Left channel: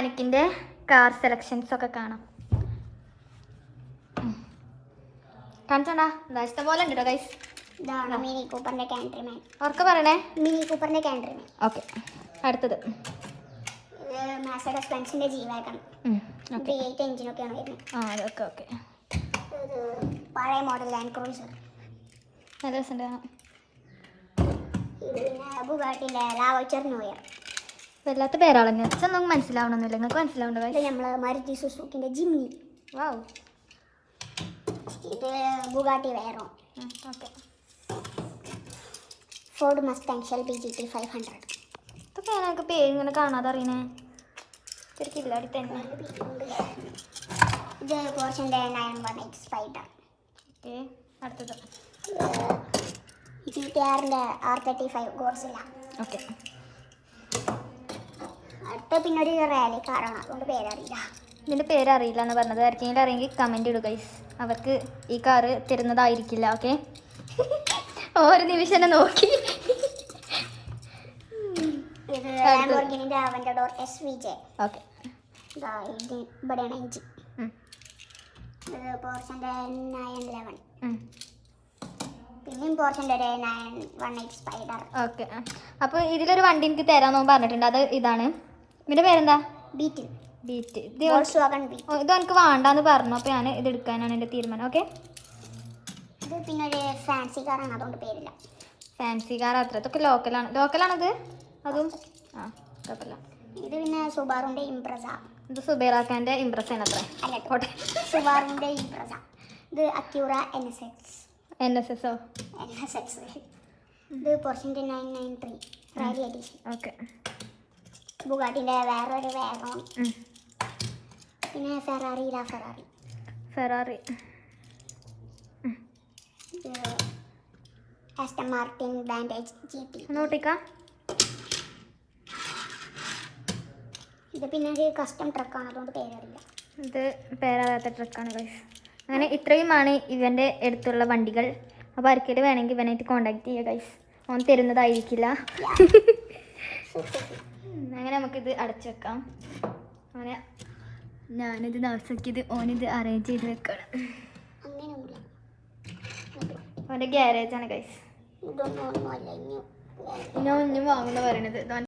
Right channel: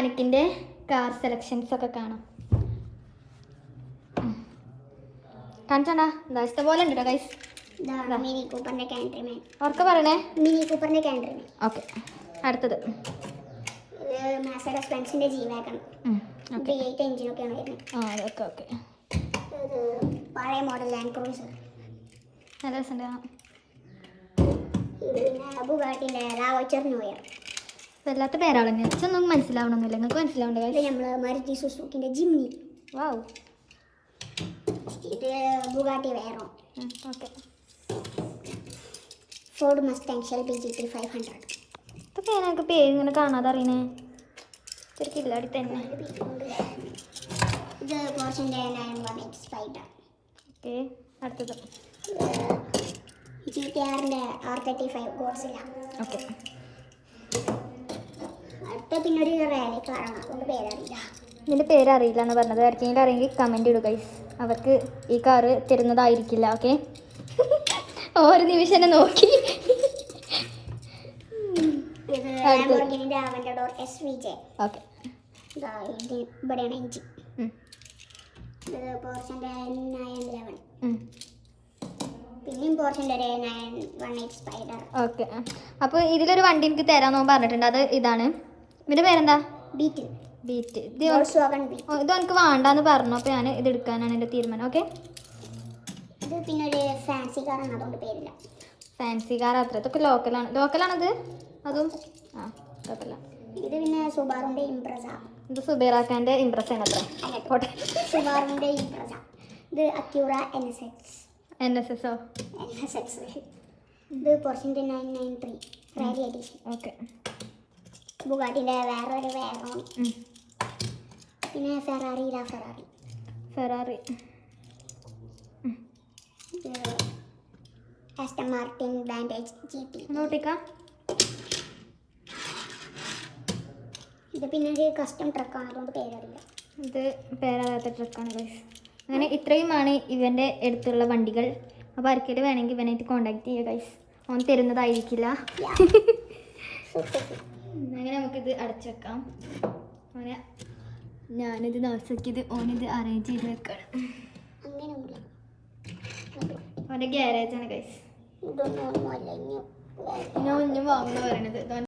എനിക്കിൻ്റെ car selections ഒക്കെ കാണാം. കാണിച്ചോണ്ടാ guys പോലെ ഉണ്ട് ഗൈസ്. ഇതാണ് മിനി കൂപ്പറിന്റെ കാൻട്രിമാൻ. ഓർക്ക് പറയണേ മിനി കൂപ്പറിന്റെ കാൻട്രിമാൻ. ഓക്കെ. അടുത്തത് ഇത് മെർസിഡസ് ബെൻസിന്റെ ജി വാഗൺ. V8 എഞ്ചിനൊക്കെയാണ് വരുന്നത്. Okay okay. ഇത് പഴയ മോഡൽ ലാൻഡ് ക്രൂസർ. നല്ല രസമുണ്ട്. ഇത് പിന്നെ ബുഗാട്ടിന്റെ ലാവോച്ചർ നോയർ. വല്ലാത്ത പേരാളെ ഒന്നും മനസ്സിലാവണമെന്നില്ല. നിങ്ങൾക്ക് മനസ്സിലാവുണ്ട്. ഇത് നമ്മൾ മാരുതി സുസുക്കിന്റെ ജിമ്നി. വാവ്. ഇത് Bugatti Veyron. Okay. Ford Mustang Shelby GT 500. ഇതൊക്കെ ഞങ്ങൾക്ക് പേര് ഇങ്ങനെ കാണാതെ അറിയണേ. ശരിക്കില്ല അടുത്ത ഇത് പോർഷൻ്റെ 918 സ്പൈഡർ. ഓക്കെ. അടുത്തത് GTRന്റെ R35 ഗോഡ്സില്ല. ഓക്കെ. അടുത്ത പിന്നെ ഒരു റാലി കാറാണ്, അതുകൊണ്ട് പേരറിയില്ല. ഇതിൻ്റെ പേരറിയില്ല എന്ന് പറഞ്ഞത്. ആർക്കെങ്കിലും അറിയെങ്കിൽ കമൻറ്റ് ഇടുക ഗൈസ്. അവർക്ക് ഈ കാറ് തരുന്നതായിരിക്കില്ല. ഓക്കെ. ഒരു നിമിഷം തന്നെ നോക്കി. ഇത് ലാംബോർഗിനിന്റെ അവന്റഡോർ SVJ. ഓക്കെ. ഇവിടെയാണ് എഞ്ചിൻ. ഇത് പോർഷൻ്റെ 911. പിന്നെയും പോർഷൻ്റെ ഒരു 918 സ്പൈഡർ. ഓക്കെ. അപ്പോൾ ഇതിലൊരു വണ്ടി എനിക്ക് തരാമെന്ന് പറഞ്ഞിട്ടുണ്ട്. അത് ഇതാണ്. ഇതിൻ്റെ പേരെന്താ? ബീറ്റിൽ. ബീറ്റ്. വോൾക്സ്വാഗൺ ബീറ്റ്. ഇത് എനിക്ക് വേണ്ടാന്ന് പറഞ്ഞു. അപ്പോൾ ഞാൻ ഇത് എടുക്കാനാണ് എൻ്റെ തീരുമാനം. ഓക്കെ. ഇത് പിന്നെ ഒരു ഫാൻസി കാറാണ്, അതുകൊണ്ട് പേരില്ല. ഫാൻസി കാർ അത്ര. ഇതൊക്കെ ലോക്കലാണത്. അതും കുഴപ്പമില്ല. ഇത് പിന്നെ സുബാറുന്റെ ഇംപ്രസ. ഇത് സുബൈറാക്കാൻ്റെ ഇംപ്രസ് ആണ് അത്ര. അങ്ങോട്ടെ. സുബാറുന്റെ ഇംപ്രസ. ഇത് അക്യൂറ NSX. NSSO. ഇത് പോർഷൻ്റെ 993 റാലി എഡിഷൻ. ഓക്കെ. ബുഗാട്ടിന്റെ വേറൊരു വേഗം. പിന്നെ Ferrari. Aston Martin bandage GT. നോട്ടിക്ക. ഇത് പിന്നെ ഒരു കസ്റ്റം ട്രക്കാണ്, അതുകൊണ്ട് പേരറിയില്ല. ഇത് പേരറിയാത്ത ട്രക്കാണ് ഗൈസ്. അങ്ങനെ ഇത്രയുമാണ് ഇവൻ്റെ അടുത്തുള്ള വണ്ടികൾ. അപ്പോൾ ആർക്കെങ്കിലും വേണമെങ്കിൽ ഇവനായിട്ട് കോൺടാക്ട് ചെയ്യുക ഗൈസ്. ഓൻ തരുന്നതായിരിക്കില്ല. അങ്ങനെ നമുക്കിത് അടച്ചു വെക്കാം. അങ്ങനെ ഞാനിത് നാസാക്കിയത് ഓനിത് അറേഞ്ച് ചെയ്ത് വെക്കണം. ഓൻ്റെ ഗ്യാരേജാണ് ഗൈസ്. ഇതൊന്നും ഞാൻ ഒന്നും വാങ്ങുന്നു പറയണത്.